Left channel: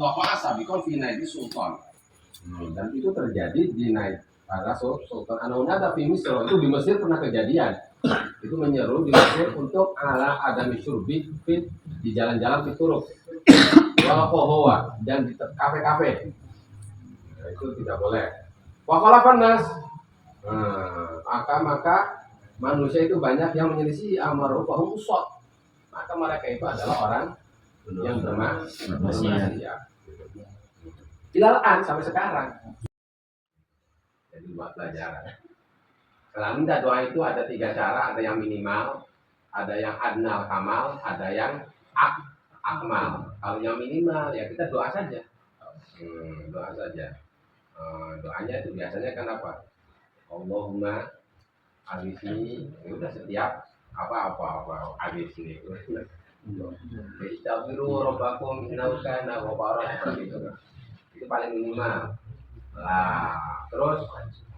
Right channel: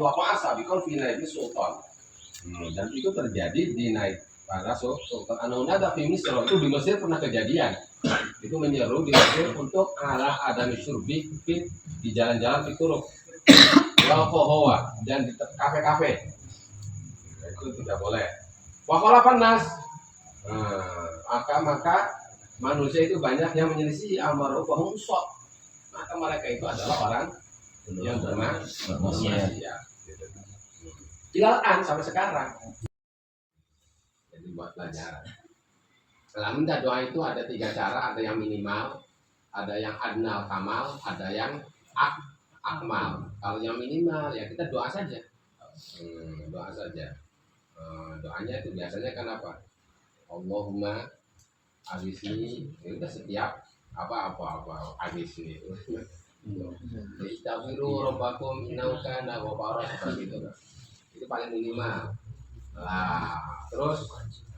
wa fa'asa bikon fi naidi sultan. Dan itu terjadi di naik para sultan Anunada di Mesir. Itu di Mesir pernah kejadian. Itu menyeru di Mesir untuk ala adami syurbi di jalan-jalan fituruk wal kohowa dan di kafe-kafe. Itu tidak boleh. Wakola panas. Maka manusia itu banyak yang menyelisih amaruh bahum usot. Maka mereka itu adalah orang yang bermaksiat. Ilahan sampai sekarang. Jadi buat pelajaran. Kalau minta doa itu ada 3 cara, ada yang minimal, ada yang adnal kamal, ada yang akmal. Kalau yang minimal ya kita doa saja. Doa saja. Doanya itu biasanya kan apa? Allahumma aghithni, itu udah setiap apa hadis ini. Istaghfiru rabbakum innahu kana ghaffaran, seperti itu. Itu paling minimal. Lah, terus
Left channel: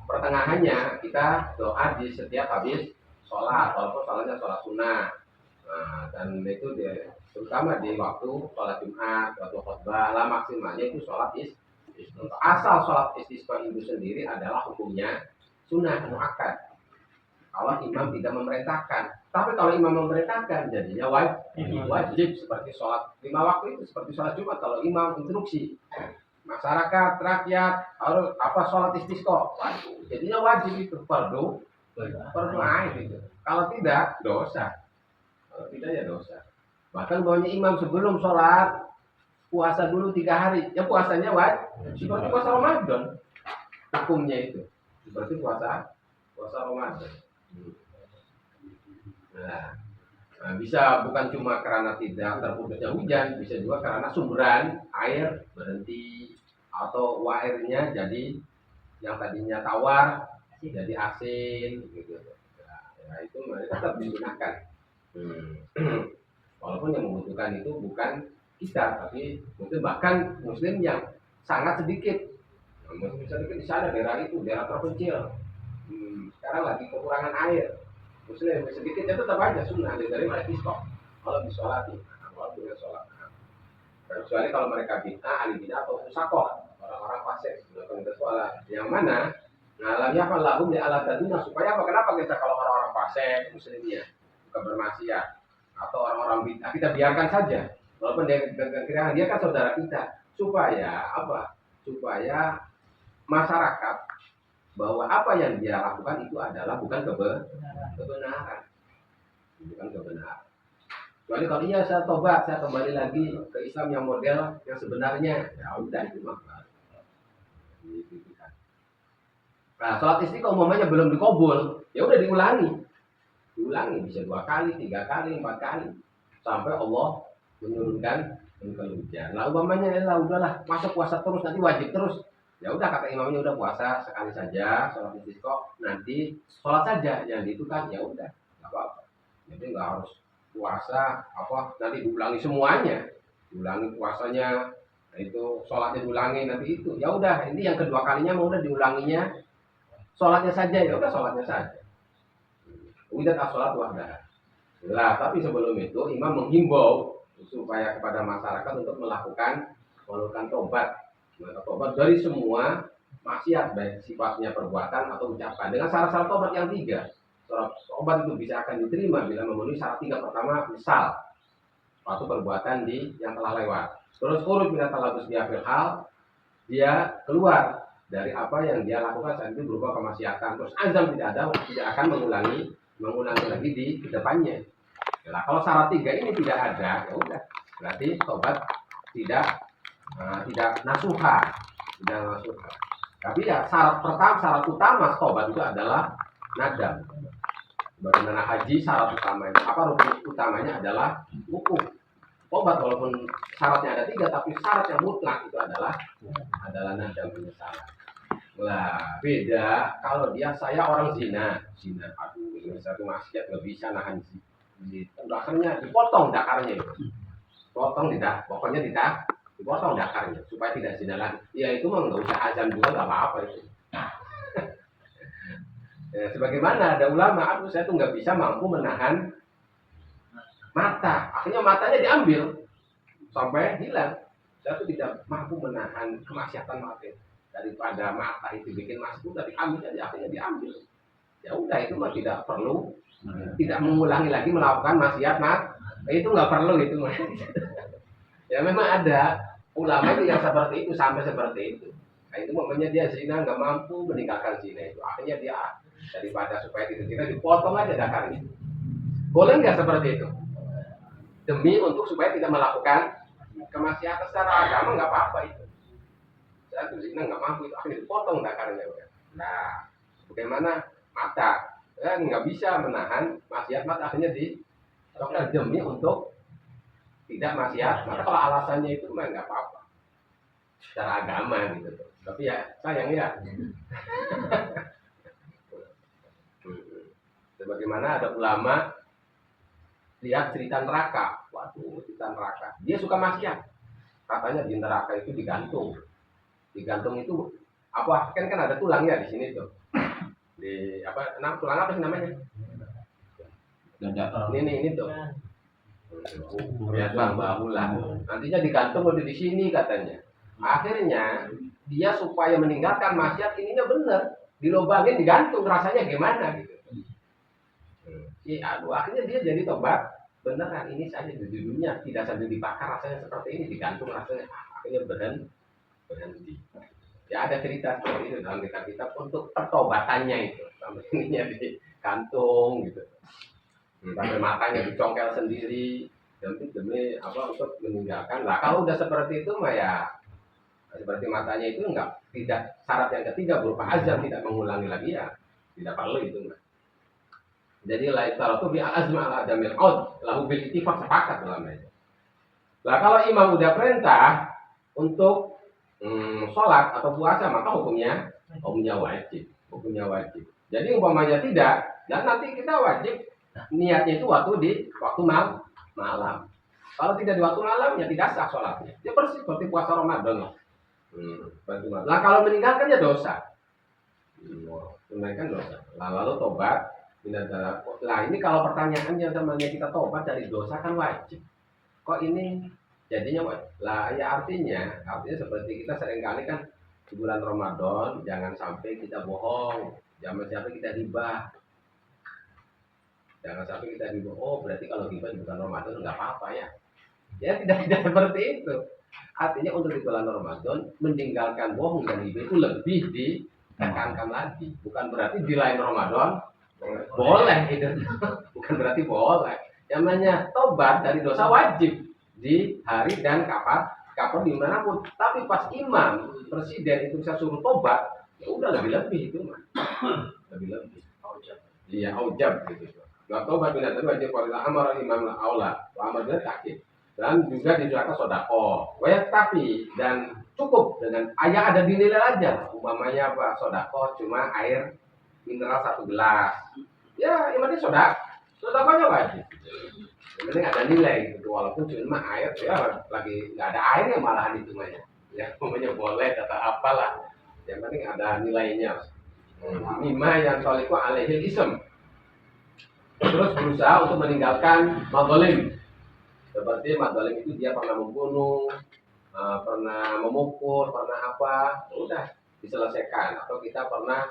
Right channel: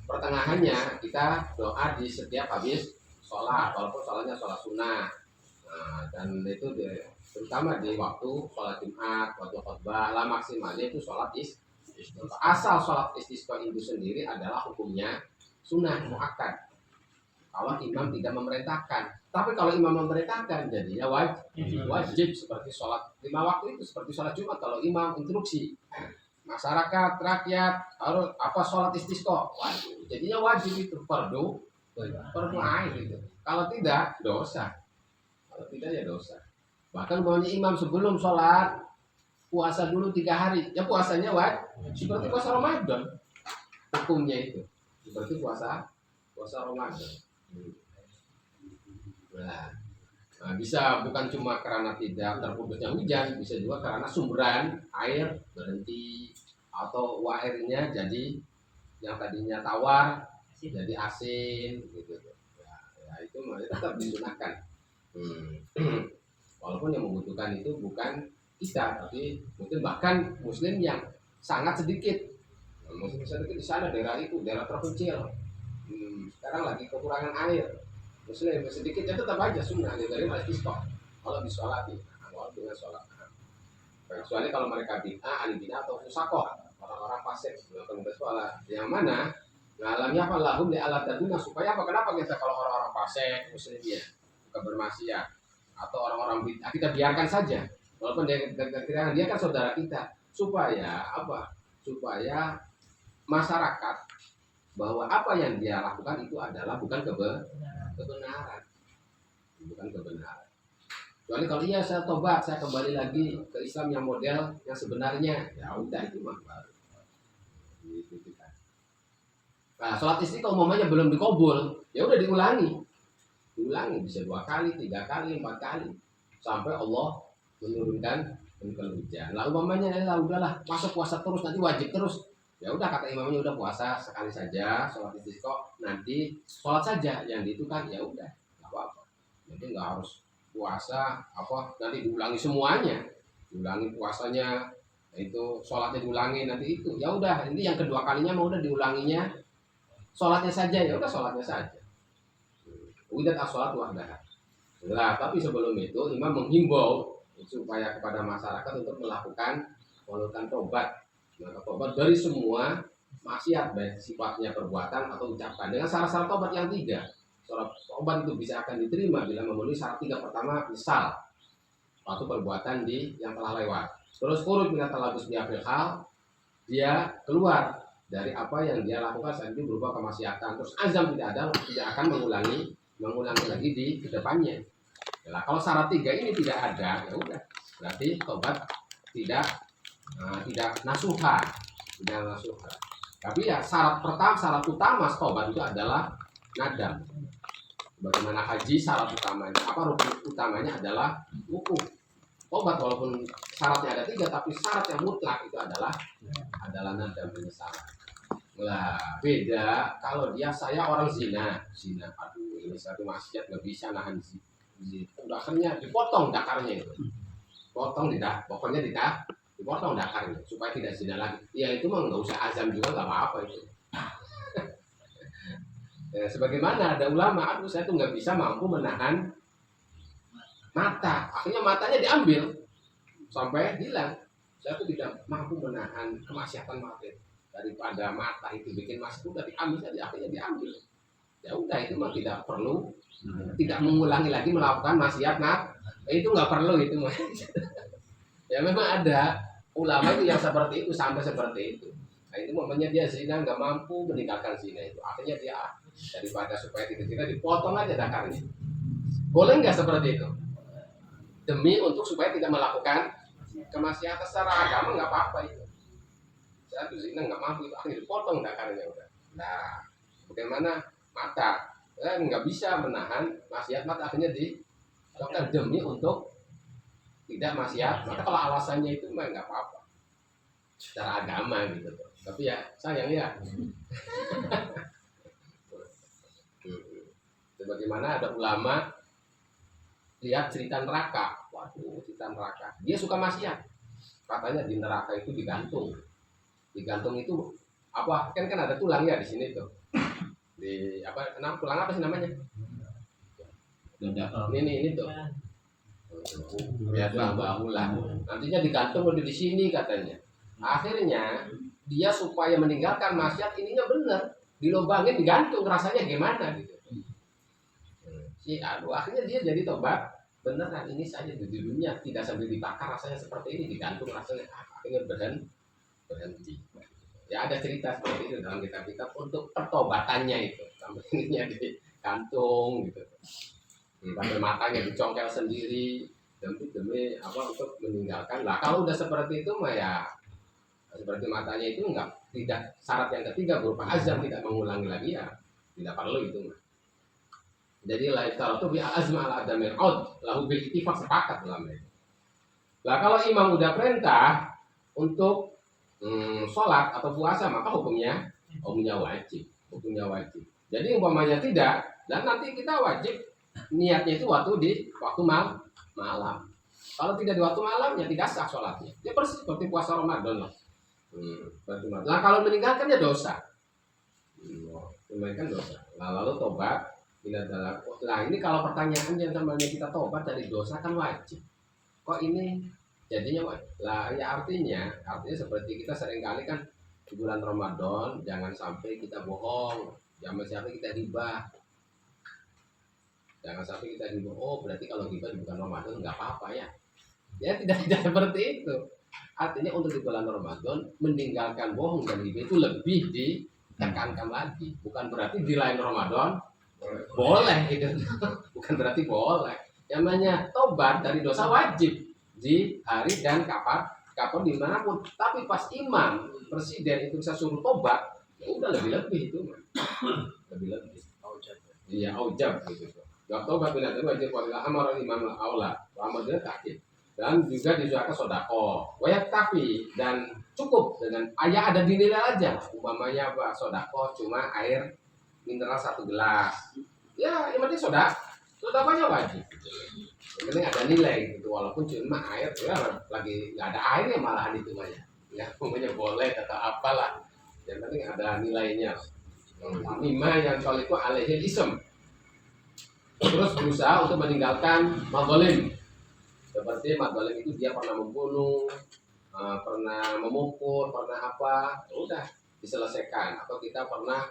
pertengahannya kita doa di setiap habis sholat, walaupun sholatnya sholat sunnah. Dan itu terutama di waktu sholat Jumat, waktu khutbah, lah maksimalnya itu sholat istisqa. Asal sholat istisqa itu sendiri adalah hukumnya sunnah muakkad. Kalau imam tidak memerintahkan, tapi kalau imam memerintahkan jadinya wajib seperti sholat 5 waktu itu, seperti sholat Jumat. Kalau imam instruksi masyarakat rakyat harus sholat istisqa, jadinya wajib itu, fardu ain itu. Kalau tidak dosa, kalau tidak ya dosa. Bahkan bawahnya imam sebelum sholat puasa dulu 3 hari, ya puasanya wajib seperti puasa Ramadan, hukumnya itu seperti puasa Ramadan. Nah, bisa bukan cuma karena tidak terputusnya hujan, bisa juga karena sumberan air berhenti atau airnya jadi yang tadinya tawar jadi asin gitu. Ya itu tetap digunakan. Walaupun yang membutuhkan itu bukan kita, tapi mungkin bahkan muslim yang sangat sedikit. Muslim sedikit di sana, daerah itu daerah terpencil. Sekarang lagi kekurangan air. Muslim sedikit ya tetap aja sunnah dari istisqa kalau disolati, kalau dengan sholat. Kecuali kalau mereka bid'ah, ahli bid'ah atau fusakoh, orang-orang fasik melakukan sholat. Yang mana ngalamnya apa lahum di alat tadina, supaya apa? Kenapa kita kalau orang-orang fasik muslimnya bukan bermaksiat atau orang-orang bid'ah kita biarkan saja, walaupun dia kan saudara kita, supaya apa? Supaya masyarakat bahwa apa yang dia lakukan itu adalah bukan kebenaran. Kecuali kalau iya saya tobat, saya kembali lagi ke Islam yang model yang sebenarnya, ya udah itu mah baru. Nah, sholat istisqa umumnya belum dikabul, ya udah diulangi bisa 2 kali, 3 kali, 4 kali sampai Allah menurunkan hujan. Lah umpamanya udahlah masa puasa terus nanti wajib terus. Ya udah kata imamnya udah puasa sekali saja sholat istisqa, nanti sholat saja yang itu kan ya udah nggak apa-apa. Jadi nggak harus puasa nanti diulangi semuanya, diulangi puasanya, itu sholatnya diulangi nanti itu. Ya udah ini yang kedua kalinya mau udah diulanginya sholatnya saja, ya udah sholatnya saja. Udah sholat wahdah. Lah tapi sebelum itu imam menghimbau supaya kepada masyarakat untuk melakukan tobat dari semua maksiat, baik sifatnya perbuatan atau ucapan, dengan syarat-syarat tobat yang 3. Syarat tobat itu bisa akan diterima bila memenuhi syarat 3. Pertama, misal suatu perbuatan yang telah lewat. Terus urut bila telah bersedia hal, dia keluar dari apa yang dia lakukan saat itu berupa kemaksiatan. Terus azam tidak akan mengulangi lagi di kedepannya. Nah, kalau syarat 3 ini tidak ada, ya udah berarti tobat tidak nasuha. Tapi ya syarat utama tobat itu adalah nadam. Bagaimana haji syarat utamanya rukun utamanya adalah wukuf. Tobat walaupun syaratnya ada 3, tapi syarat yang mutlak itu adalah nadam, penyesalan. Lah beda kalau saya orang zina, aduh ini satu maksiat nggak bisa nahan zina. Dakarnya dipotong, dakarnya itu pokoknya dipotong dakarnya supaya tidak zina lagi. Ya itu mah nggak usah azam juga, nggak apa-apa itu. Ya, sebagaimana ada ulama, saya tuh nggak bisa mampu menahan mata, akhirnya matanya diambil sampai hilang. Saya tuh tidak mampu menahan kemaksiatan mata. Daripada mata itu bikin maksiat udah diambil aja, akhirnya diambil. Ya udah itu mah tidak perlu, tidak mengulangi lagi melakukan maksiat itu nggak perlu itu mah. Ya memang ada ulama itu yang seperti itu sampai seperti itu. Nah itu momennya dia zina nggak mampu meninggalkan zina itu. Akhirnya dia daripada supaya tidak zina dipotong aja dakarnya. Boleh nggak seperti itu? Demi untuk supaya tidak melakukan kemaksiatan secara agama nggak apa-apa itu. Saya tuh zina nggak mampu itu akhirnya dipotong dakarnya udah. Nah bagaimana mata? Ya, nggak bisa menahan maksiat mata akhirnya dilakukan demi untuk tidak maksiat, maka kalau alasannya itu memang nggak apa-apa secara agama gitu tuh. Tapi ya sayang ya. Sebagaimana ada ulama lihat cerita neraka, waduh cerita neraka, dia suka maksiat, katanya di neraka itu digantung itu apa kan ada tulang ya di sini tuh, di apa tulang apa sih namanya? Ini tuh. Ya bahulah. Nantinya digantung udah di sini katanya. Akhirnya dia supaya meninggalkan maksiat ininya bener, dilobangin digantung rasanya gimana gitu. Aduh akhirnya dia jadi tobat beneran ini saja di dunia tidak sambil dibakar rasanya seperti ini digantung rasanya akhirnya berhenti. Ya ada cerita seperti itu dalam kitab-kitab untuk pertobatannya itu sampai ininya digantung gitu. Sampai matanya dicongkel sendiri demi apa untuk meninggalkan lah. Kalau udah seperti itu mah ya seperti matanya itu tidak syarat yang ketiga berupa azam tidak mengulangi lagi ya tidak perlu itu mah. Jadi lifestyle itu bi azma ala adamil aud lahu bil ittifaq sepakat ulama itu. Lah kalau imam udah perintah untuk sholat atau puasa maka hukumnya wajib. Jadi umpamanya tidak dan nanti kita wajib niatnya itu waktu malam. Kalau tidak di waktu malam ya tidak sah sholatnya. Ya persis seperti puasa Ramadan lah. Lah kalau meninggalkannya dosa. Meninggalkan dosa. Lalu tobat. Lah ini kalau pertanyaan yang namanya kita tobat dari dosa kan wajib. Kok ini jadinya wajib? Lah ya artinya seperti kita seringkali kan di bulan Ramadan jangan sampai kita bohong, jangan sampai kita hibah. Jangan sampai kita hibah, oh berarti kalau hibah di bulan Ramadan nggak apa-apa ya. Ya tidak seperti itu. Artinya untuk di bulan Ramadan meninggalkan bohong dan hibah itu lebih ditekankan lagi. Bukan berarti di lain Ramadan boleh itu. Bukan berarti boleh. Namanya tobat dari dosa wajib di hari dan kapan dimanapun. Tapi pas imam presiden itu bisa suruh tobat, ya udah lebih-lebih itu mah. Lebih-lebih. Iya, aujab gitu. Tobat binatang wajib wala amara imam aula wa amar bil takib dan juga disuruhkan sedekah. Tapi dan cukup dengan ada dinilai aja. Umpamanya apa? Sedekah cuma air mineral 1 gelas. Ya, yang penting sedekahnya wajib. Yang penting ada nilai gitu walaupun cuma air ya lagi nggak ada air ya malahan itu mah ya. Ya umpamanya boleh atau apalah. Yang penting ada nilainya. Mimma yang toliku alaihil ism. Terus berusaha untuk meninggalkan madzalim. Seperti madzalim itu dia pernah membunuh, pernah memukul, pernah apa, udah diselesaikan. Atau kita pernah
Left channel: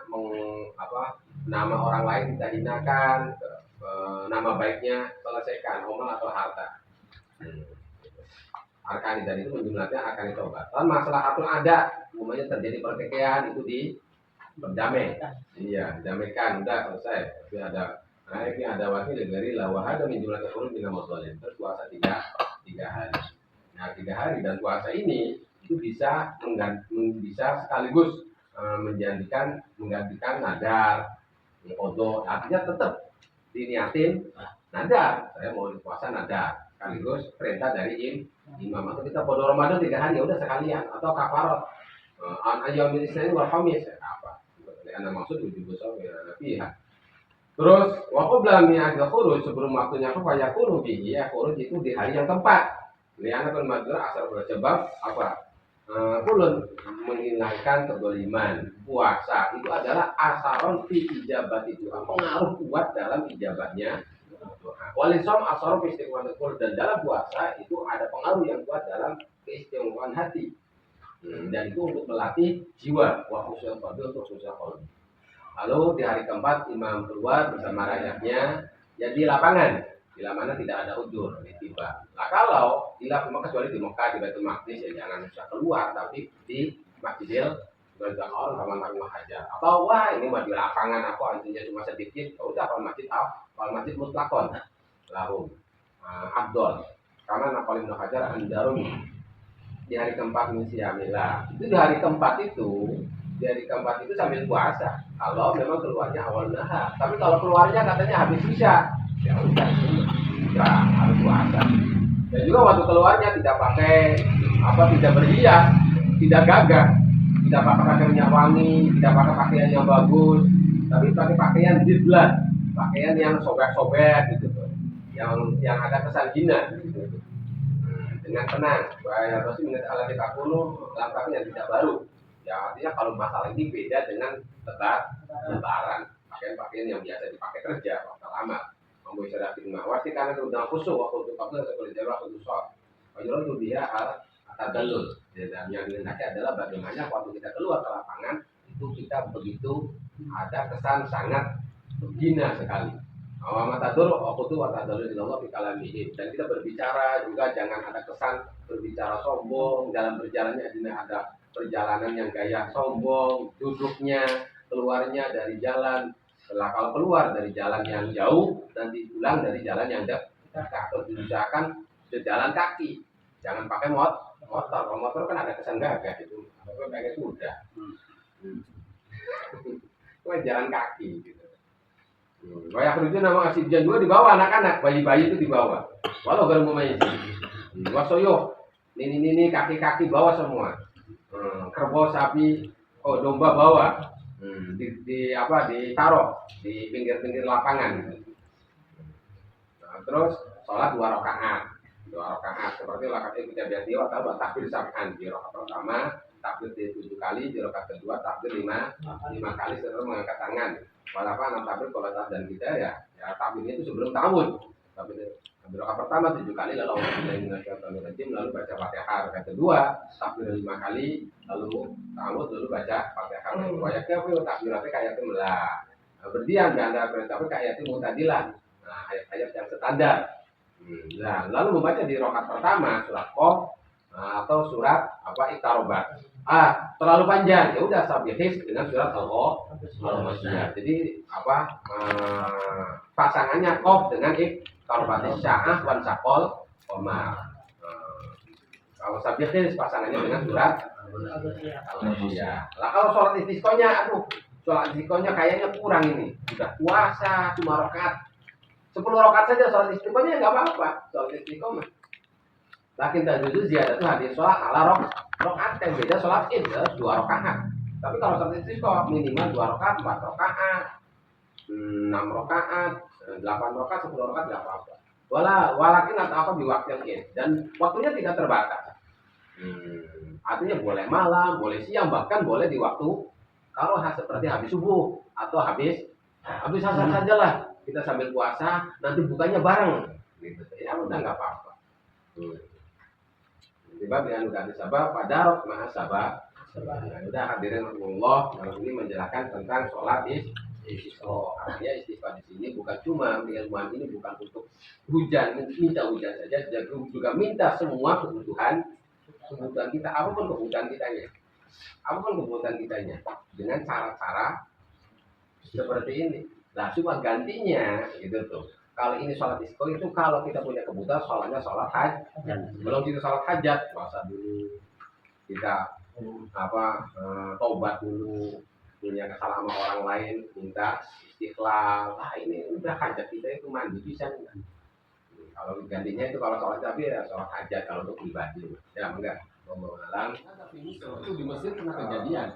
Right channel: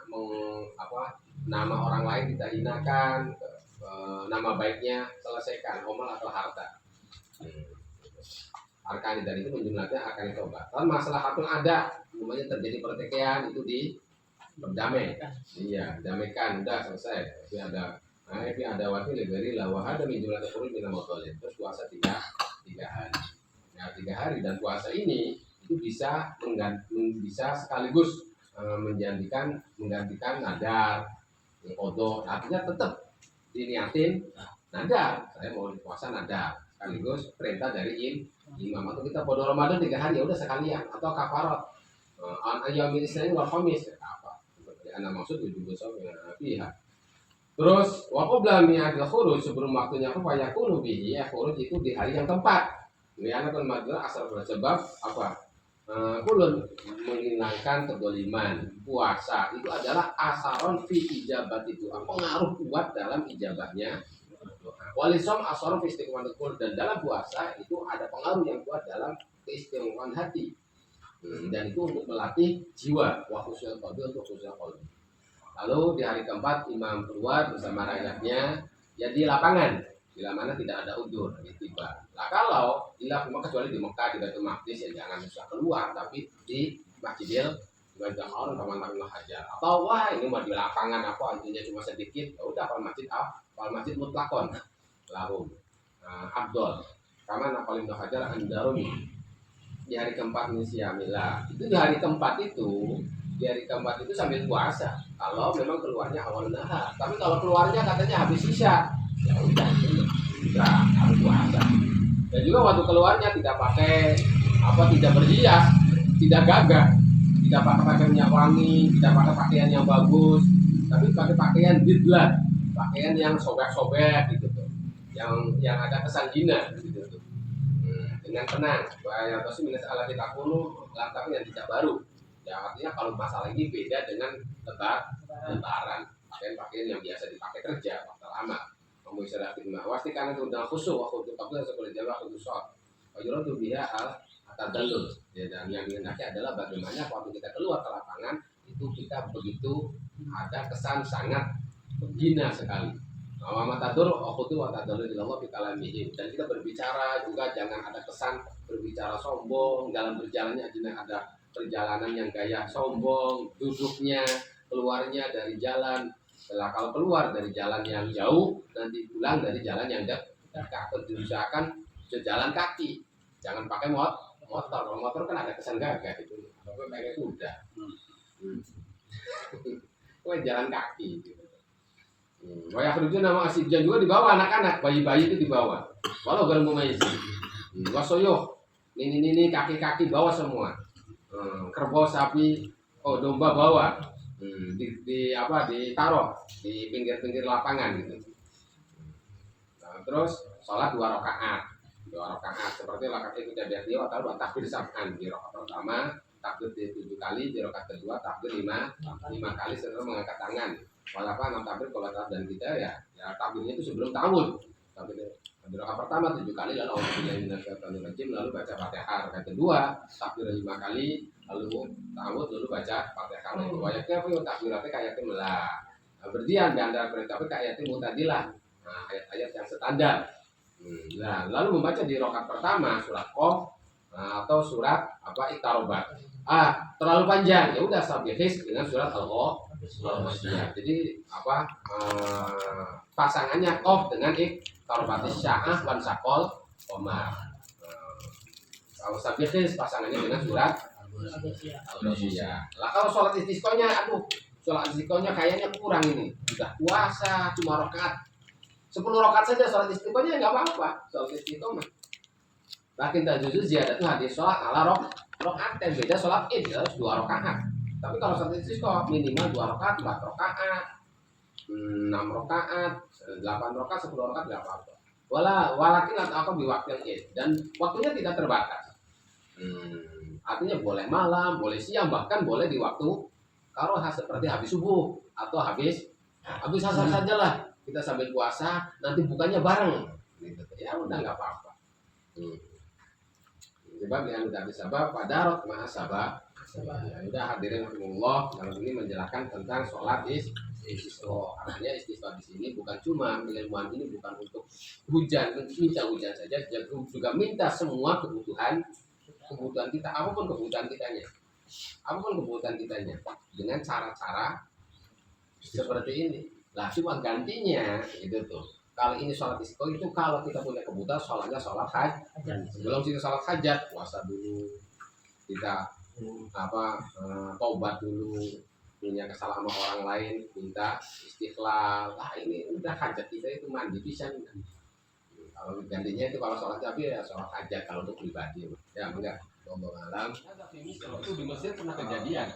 nama orang lain kita hinakan, nama baiknya selesaikan, omal atau harta. Arkani tadi itu menjumlahnya arkani tobat. Dan masalah hatul ada, umumnya terjadi pertikaian itu berdamai. Iya, didamaikan, udah selesai. Tapi ada wakil dari lawahada min jumlah terkurun bina mutolin. Terus puasa 3 hari. Nah 3 hari dan puasa ini itu bisa sekaligus menggantikan nadar, qadha. Artinya tetap diniatin nadar. Saya mau puasa nadar sekaligus perintah dari imam. Atau kita qadha Ramadan 3 hari ya udah sekalian atau kafarat. An ayyamil isnin wal khamis apa? Karena maksud wujub shaum ya fiha. Terus waqobla mi'adil khuruj sebelum waktunya fayakunu bihi ya khuruj itu di hari yang tepat. Liana kan madra asal bersebab apa? Kulun menghilangkan kedoliman. Puasa itu adalah asaron fi ijabat itu pengaruh kuat dalam ijabahnya. Walisom asaron fi istiqamatul dan dalam puasa itu ada pengaruh yang kuat dalam keistimewaan hati. Dan itu untuk melatih jiwa, wa khusyul qalbi, untuk khusyul qalbi. Lalu di hari keempat imam keluar bersama rakyatnya, ya di lapangan, bila mana tidak ada udzur, tiba. Nah kalau kecuali di Mekah, di Baitul Maqdis, ya jangan usah keluar, tapi di Masjidil Haram Taman Hajar. Atau wah ini mah di lapangan aku antunya cuma sedikit, ya udah kalau masjid mutlakon lahum Abdul karena Napal Ibnu Hajar Andarumi di hari keempat Nisyamillah. Itu di hari keempat itu sambil puasa. Kalau memang keluarnya awal nahar, tapi kalau keluarnya katanya habis isya, ya udah itu harus puasa. Dan juga waktu keluarnya tidak tidak berhias, tidak gagah, tidak pakai pakaian minyak wangi, tidak pakai pakaian yang bagus, tapi pakai pakaian didlat, pakaian yang sobek-sobek gitu tuh, yang ada kesan hina gitu tuh. Dengan tenang, bahaya pasti minus ala kita kuno, langkahnya yang tidak baru. Ya artinya kalau masalah ini beda dengan lebaran, pakaian yang biasa dipakai kerja waktu lama. Mampu istirahat di rumah. Wasti karena itu dalam khusyuk waktu itu kabel sekolah jarak waktu sholat. Wajar itu dia atadallul. Dan yang dihendaki adalah bagaimana waktu kita keluar ke lapangan itu kita begitu ada kesan sangat menghina sekali. Awamatadur waktu itu watadallul ilallah fi kalamihim. Dan kita berbicara juga jangan ada kesan berbicara sombong dalam berjalannya, ada perjalanan yang gaya sombong, duduknya, keluarnya dari jalan. Setelah kalau keluar dari jalan yang jauh, nanti pulang dari jalan yang dekat. Usahakan sejalan kaki, jangan pakai motor. Kalau motor kan ada kesan gagah itu, apa pakai kuda. Itu jalan kaki. Gitu. Wayak rujuk nama asibjan juga dibawa anak-anak, bayi-bayi itu dibawa. Walau garam pemaisi. Wasoyo, ini kaki-kaki bawa semua. Kerbau, sapi, domba bawa, ditaruh di pinggir-pinggir lapangan gitu. Nah, terus sholat 2 rakaat seperti rakaat kita biasa dia atau takbir sab'an di rakaat pertama, takbir 7 kali, di rakaat kedua takbir 5 kali setelah mengangkat tangan. Walaupun takbir kalau dan kita ya takbirnya itu sebelum ta'awud. Di rakaat pertama 7 kali lalu lalu baca Fatihah. Rakaat kedua takbir 5 kali lalu ta'awud lalu baca Fatihah. Wayaknya takbiratnya kayak melah. Berdiam di antara perintah kayak mutadilah. Nah, ayat-ayat yang standar. Nah, lalu membaca di rakaat pertama surat Qaf atau surat Iqtarobat. Terlalu panjang. Ya udah sabihis dengan surat Al-Masiyah. Jadi pasangannya Qaf dengan Iqtarobatis Sya'ah wan Saqal Qamar. Kalau sabihis pasangannya dengan surat Al-Masiyah. Lah kalau sholat istisqonya sholat istisqonya kayaknya kurang ini. Sudah puasa cuma rakaat 10 rakaat saja sholat istiqomahnya nggak apa-apa, sholat istiqomah. Lakin tajuzu ziyadatu hadis sholat ala rakaat yang beda sholat id harus 2 rakaat. Tapi kalau sholat istiqomah minimal 2 rakaat, 4 rakaat, 6 rakaat, 8 rakaat, 10 rakaat nggak apa-apa. Walakin atau di waktu yang id dan waktunya tidak terbatas. Artinya boleh malam, boleh siang, bahkan boleh di waktu karohah seperti habis subuh atau habis asar sajalah. Kita sambil puasa nanti bukanya bareng gitu. Ya udah nggak apa-apa. Sebab yang udah disabab padarot maha sabab. Udah hadirin Allah dalam ini menjelaskan tentang sholat istisqa. Artinya istisqa di sini bukan cuma ilmuwan ini bukan untuk minta hujan saja, juga minta semua kebutuhan kita, apapun kebutuhan kitanya dengan cara-cara seperti ini. Nah cuma gantinya gitu tuh. Kalau ini sholat istisqa itu kalau kita punya kebutuhan sholatnya sholat hajat. Sebelum kita sholat hajat puasa dulu, kita tobat dulu, punya kesalahan sama orang lain, minta istiqlal. Lah ini udah hajat kita itu mandi bisa enggak? Kalau gantinya itu kalau sholat tapi ya sholat hajat kalau untuk pribadi. Ya enggak. Malam itu di Mesir pernah kejadian.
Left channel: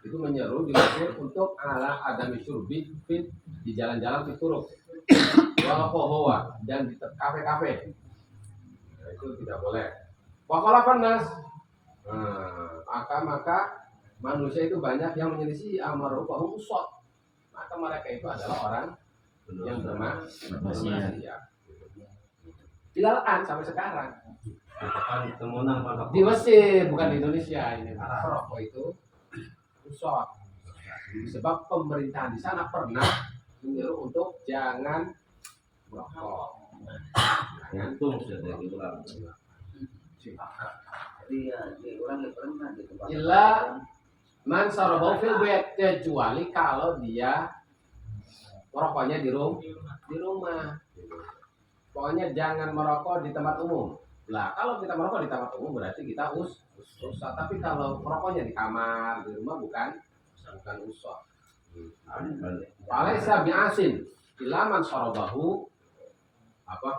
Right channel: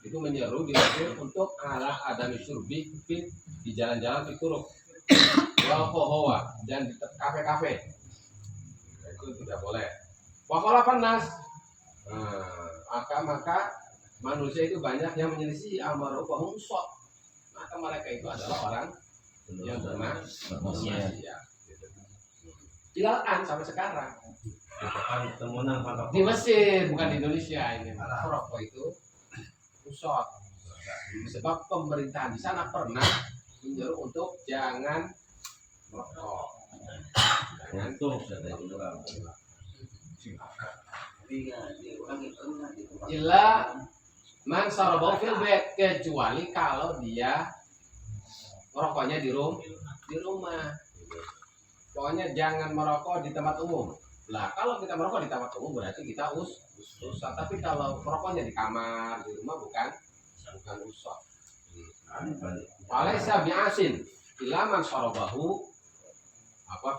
Itu menyeru di Mesir untuk ala adam syurbi fit di jalan-jalan fituruk wal qohwa dan di kafe-kafe. Nah, itu tidak boleh. Wa khalafan nas. Maka manusia itu banyak yang menyelisih amar bahum shot. Maka mereka itu adalah orang yang bermaksiat. Ilahan sampai sekarang. Di Mesir, bukan di Indonesia ini. Rokok itu rusak. Sebab pemerintahan di sana pernah menyuruh untuk jangan merokok. Illa man sarabau fil bait, kecuali kalau dia merokoknya di rumah. Pokoknya jangan merokok di tempat umum. Lah kalau kita merokok di tempat umum berarti kita usah. Tapi kalau merokoknya di kamar, di rumah bukan usah. Palaisa bi'asin ilaman sarabahu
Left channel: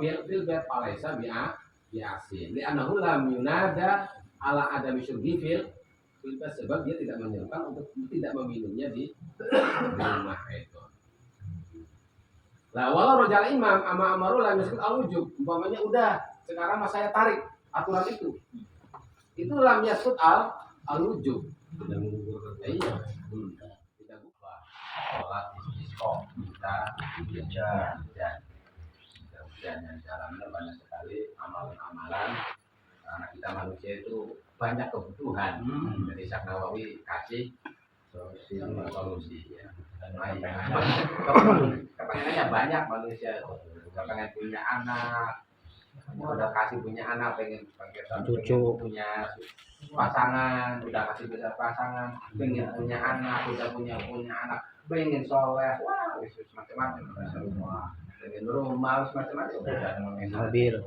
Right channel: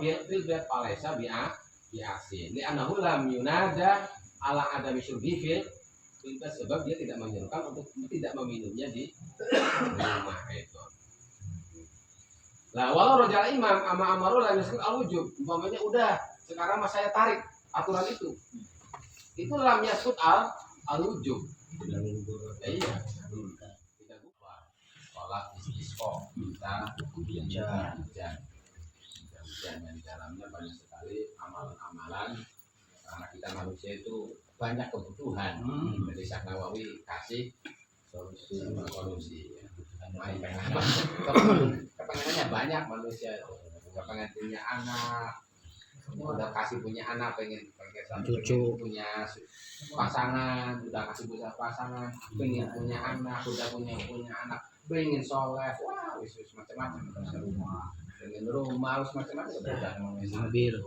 fil bait palaisa bi'asin li'annahu lam yunada ala adami syurbi fil bait, sebab dia tidak menyerukan untuk tidak meminumnya di rumah itu. Lah walau rojal imam amaru la yusqil al-wujub, umpamanya udah sekarang mas saya tarik aturan itu lam yasqut al-wujub. Iya. Tidak buka sholat istisqa kita hujan yang dalamnya banyak sekali amalan-amalan karena kita manusia itu banyak kebutuhan. Jadi Syekh Nawawi kasih solusi ya. Kepengenannya banyak manusia itu, pengen punya anak, udah kasih punya anak, pengen cucu, punya pasangan, udah kasih bisa pasangan, pengen punya anak, udah punya anak, pengen soleh, wah, wis macam-macam, pengen rumah, wis macam-macam, mobil,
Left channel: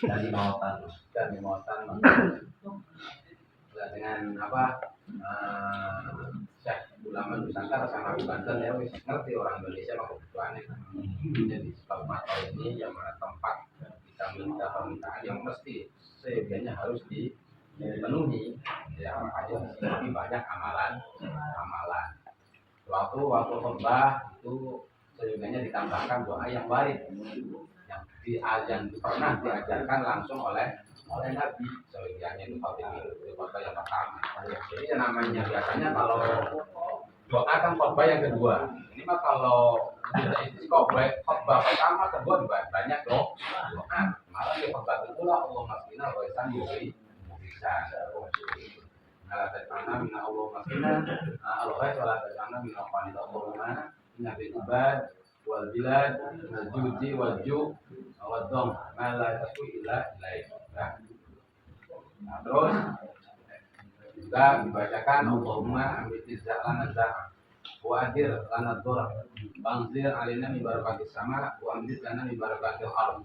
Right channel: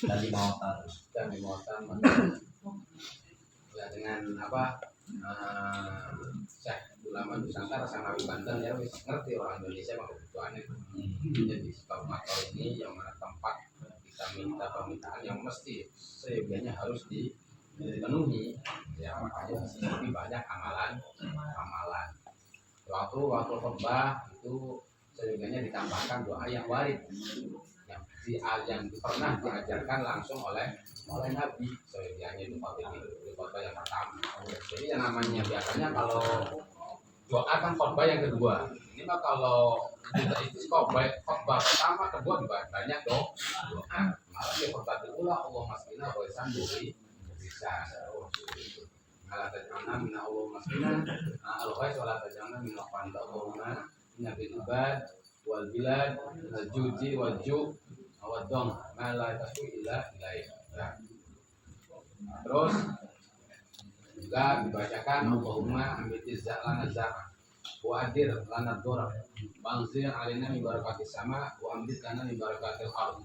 dan di mautan, dengan apa? Syekh ulama Nusantara sama Banten ya wis ngerti orang Indonesia mah kebutuhannya. Jadi sebab makro ini yang mana tempat kita minta permintaan yang mesti seyogianya harus dipenuhi. Ya makanya di sini banyak amalan. Waktu khutbah itu seyogianya ditambahkan doa yang warid yang pernah diajarkan langsung oleh Nabi. Seyogianya itu khutbah yang pertama. Jadi yang namanya biasanya kalau doa kan khutbah yang kedua. Ini mah kalau kita istisqa khutbah pertama, kedua banyak doa. Malah di khutbah kedua Allah maskina wa isambi bisa. Kalau tajana minna Allah maskina al-ghais wala tajana minna qanita Allahumma inna bil ibad wal bilad wal juji wal ju' wal dong ma la tasku illa ilaih. Nah, terus juga dibacakan Allahumma amitiz lana zar'a wa adir lana dhurra bangzir alina min barakatis sama wa amdid lana min barakatil ardh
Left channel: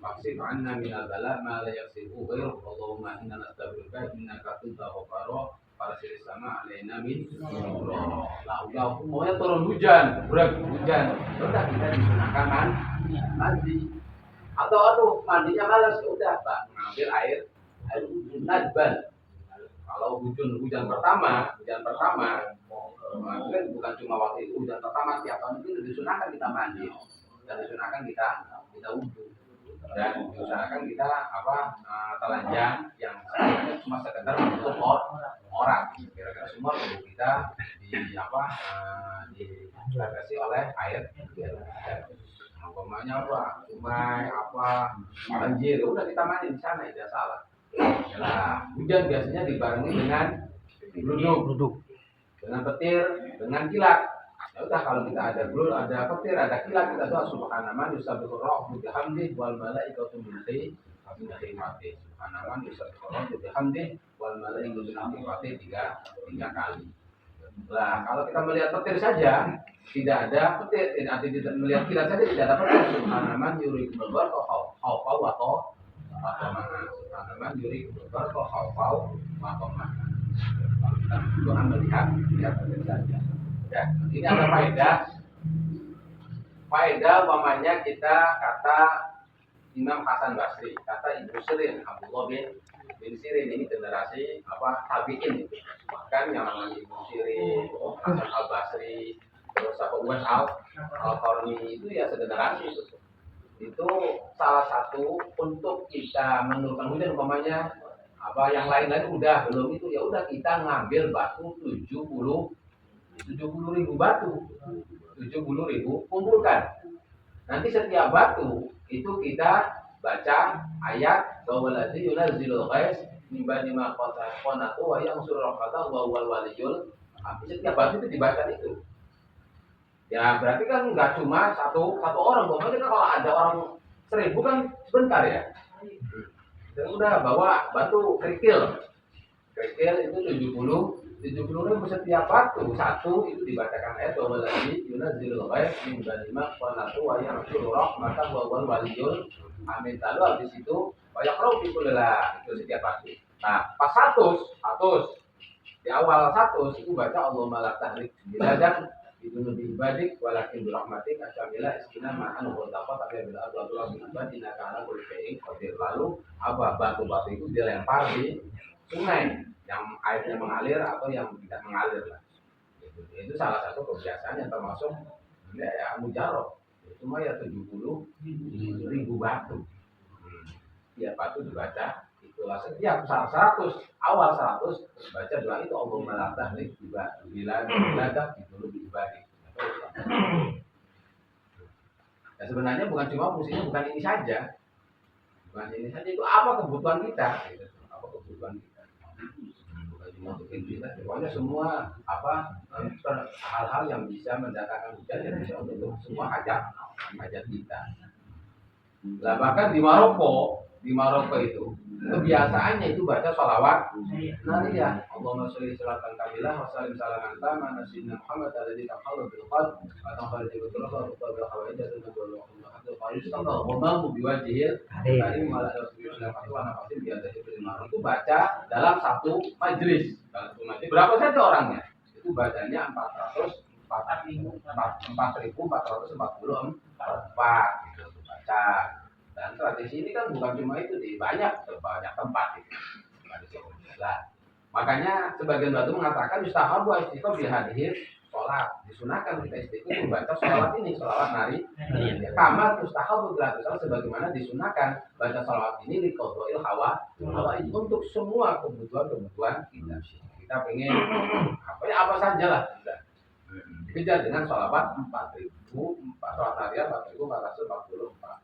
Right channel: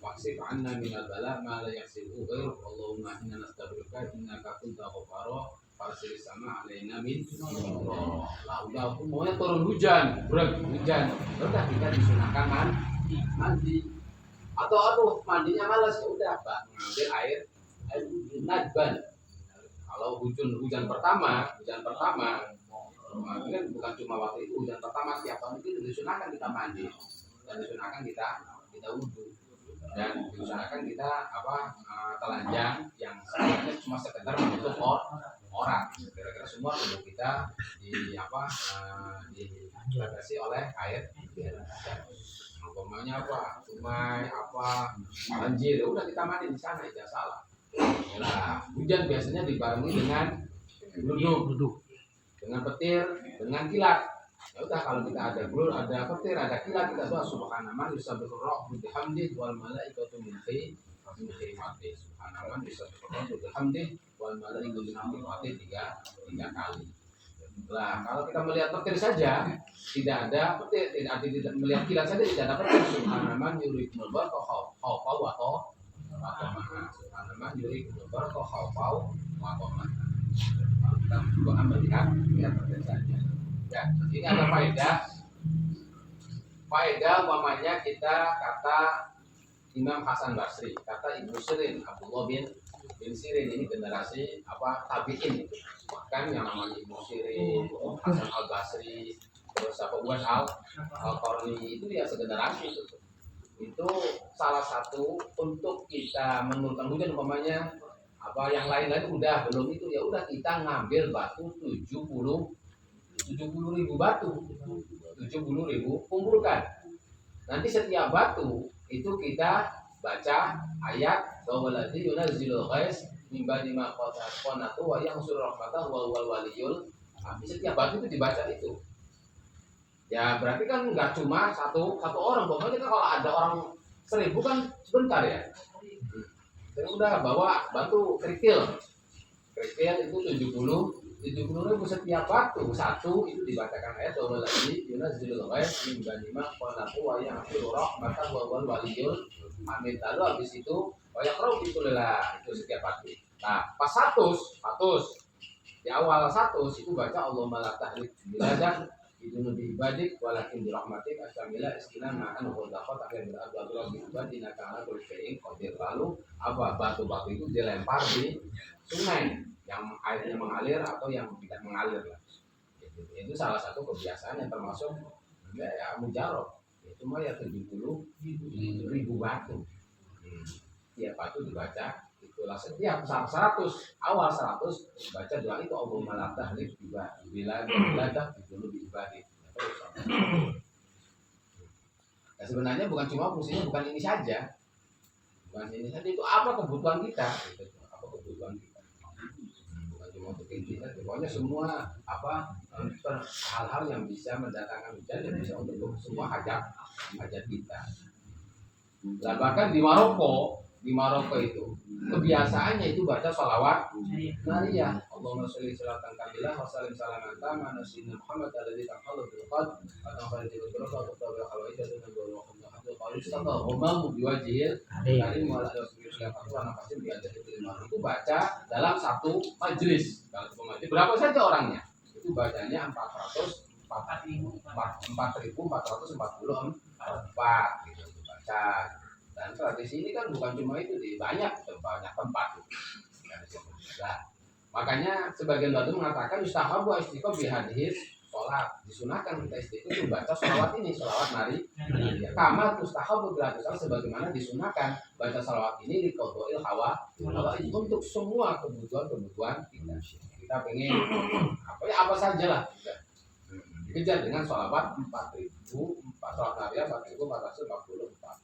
maksif anna minal bala ma la yaksibu ghairu Allahumma inna nastaghfiruka innaka kunta ghafara farsil sama alaina min la udah maunya turun hujan udah kita disunahkan mandi atau mandinya malas ya udah Pak ngambil air nadban. Kalau hujan pertama kan bukan cuma waktu itu, hujan pertama tiap tahun itu disunahkan kita mandi dan disunahkan kita wudhu dan diusahakan kita telanjang yang sebenarnya cuma sekedar menutup orang. Kira-kira semua tubuh kita dibatasi oleh air. Umpamanya sungai banjir, udah kita mandi di sana itu salah. Nah, hujan biasanya dibarengi dengan gluduk, dengan petir, dengan kilat. Ya udah kalau kita ada petir, ada kilat, kita doa subhanaman yusabbihu rabbu bihamdihi wal malaikatu min khifatihi. Subhanaman yusabbihu rabbu bihamdihi wal malaikatu min khifatihi tiga kali. Nah, kalau kita melihat petir saja tidak ada petir, tidak melihat kilat saja tidak ada petir. Subhanaman yurikumul barqa khawfa wa qamah. Subhanaman yurikumul barqa khawfa wa qamah. Kalau kita doa melihat petir saja. Ya, ini ada faedah umpamanya kita kata Imam Hasan Basri, kata Ibnu Sirin, Abdullah bin Sirin, ini generasi tabi'in. Bahkan yang namanya Ibnu Sirin, Hasan Al Basri, terus Uwais Al-Qarni itu ya segenerasi itu. Itu salah satu untuk kita menurunkan hujan umpamanya yang lain-lain udah belum itu ya udah kita ngambil batu 70.000 batu, 70.000 kumpulkan. Nanti setiap batu itu kita baca ayat walladzi yunazzilul ghais min ba'di ma qanatu wa yanshuru rahmatahu wa huwal waliyul hamid. Setiap batu itu dibaca itu. Ya berarti kan nggak cuma satu orang. Pokoknya kan kalau ada orang 1000 kan sebentar ya. Udah bawa batu kerikil itu 70.000 setiap batu satu itu dibacakan ayat walladzi yunazzilul ghais min ba'di ma qanatu wa yanshuru rahmatahu wa huwal waliyul hamid. Lalu habis itu banyak roh itu setiap batu. Nah pas 100 di awal 100 itu baca Allahumma la tahlik biladak idunu bi ibadik walakin bi rahmatik astamila iskina ma'an wa dafa tapi bil abdullah bi ibadina kana kulli syai'in qadir. Lalu batu-batu itu dilempar di sungai yang airnya mengalir atau yang tidak mengalir lah. Itu salah satu kebiasaan yang termasuk ya mujarab. Itu mah ya 70.000 batu. Tiap batu dibaca itulah setiap 100 awal 100 baca doa itu Allahumma la tahlik biladak dulu diibadik. Ya sebenarnya bukan cuma fungsinya bukan ini saja. Bukan ini saja itu apa kebutuhan kita gitu. Apa kebutuhan kita. Bukan cuma untuk kita, pokoknya semua hal-hal yang bisa mendatangkan hujan yang bisa untuk semua hajat kita. Lah bahkan di Maroko itu kebiasaannya itu baca sholawat nariyah. Allahumma sholli sholatan kamilah wa sallim salaman tamma ala sayyidina Muhammad alladzi tamhallu bil qad wa tanfaru bil turaba wa tabi'u hawaijatuna wa haddu qarisan wa mamu biwajhil karim wa ala rasulillah wa nafasin bi adzati bil ma'ruf. Itu baca dalam satu majelis. Berapa saja orangnya? Itu bacanya 444 gitu untuk baca. Dan tradisi ini kan bukan cuma itu di banyak tempat gitu. Nah, makanya sebagian batu mengatakan yustahabu istighfar bi hadis sholat. Disunahkan kita istighfar membaca sholawat ini, sholawat nari. Kama yustahabu bilatusal sebagaimana disunahkan baca sholawat ini di qadha'il hawa untuk semua kebutuhan kita. Kita pengen apa saja lah kita. Dikejar dengan sholawat 4.000 sholat nariyah 4.444.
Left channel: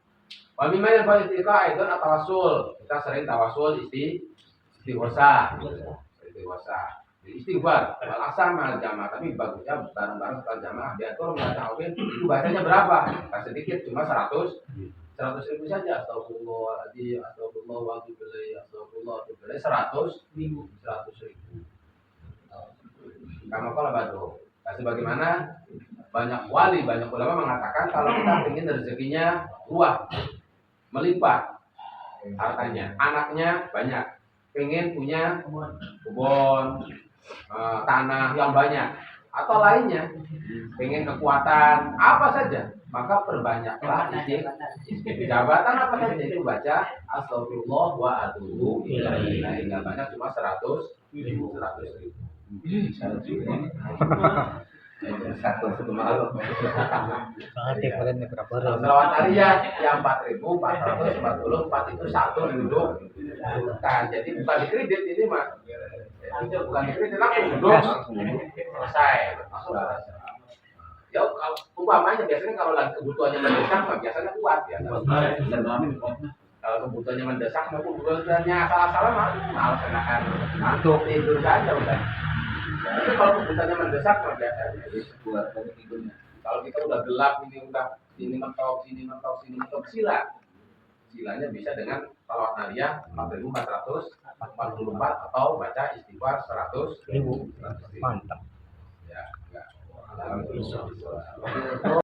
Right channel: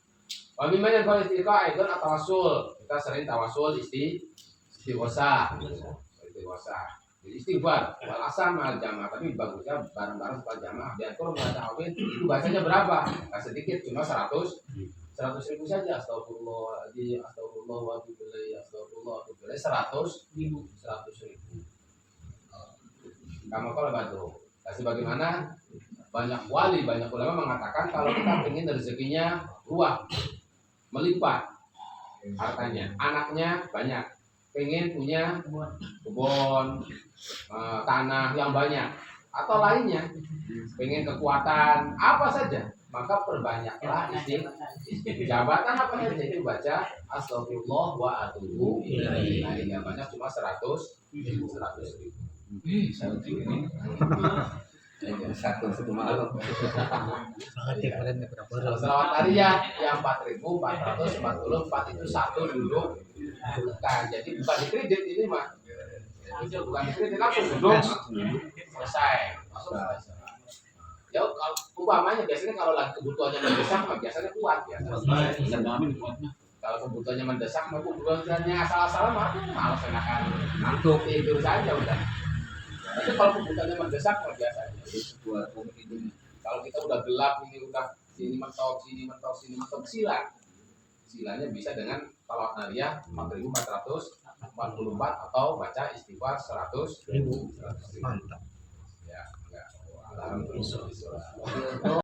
Wabima yang paling istiqah itu tawasul. Kita sering tawasul istighosah. Jadi istighfar wal asam al jamaah, tapi bagusnya bareng-bareng setelah jamaah diatur enggak ta'awil. Itu bacanya berapa? Nah, sedikit cuma 100.000 saja. Astagfirullahaladzim, astagfirullah wa atubu ilaih, astagfirullah wa atubu ilaih 100.000. Kamu kalau batu. Nah, sebagaimana banyak wali, banyak ulama mengatakan kalau kita ingin rezekinya luas, melimpah hartanya, anaknya banyak, pengen punya kebun, tanah yang banyak, atau lainnya, pengen kekuatan apa saja, maka perbanyaklah jabatan apa saja itu baca astagfirullah wa atubu ilaih. Nah, banyak cuma 100.000. Satu malam. Selawat nariyah yang 4.444 itu satu duduk. Nah, jadi bukan dikredit ini mah. Itu bukan dikredit langsung duduk selesai. Ya kalau umpamanya biasanya kalau lagi kebutuhannya mendesak mah biasanya kuat ya. Kalau kebutuhannya mendesak maupun kebutuhannya asal-asalan malas enakan ngantuk tidur saja udah. Tapi kalau kebutuhannya mendesak biasanya buat tidurnya. Kalau kita udah gelap ini udah sini mentok silanya bisa dengan sholawat nariyah 4.444 atau baca istighfar 100.000. Mantap. Ya, enggak.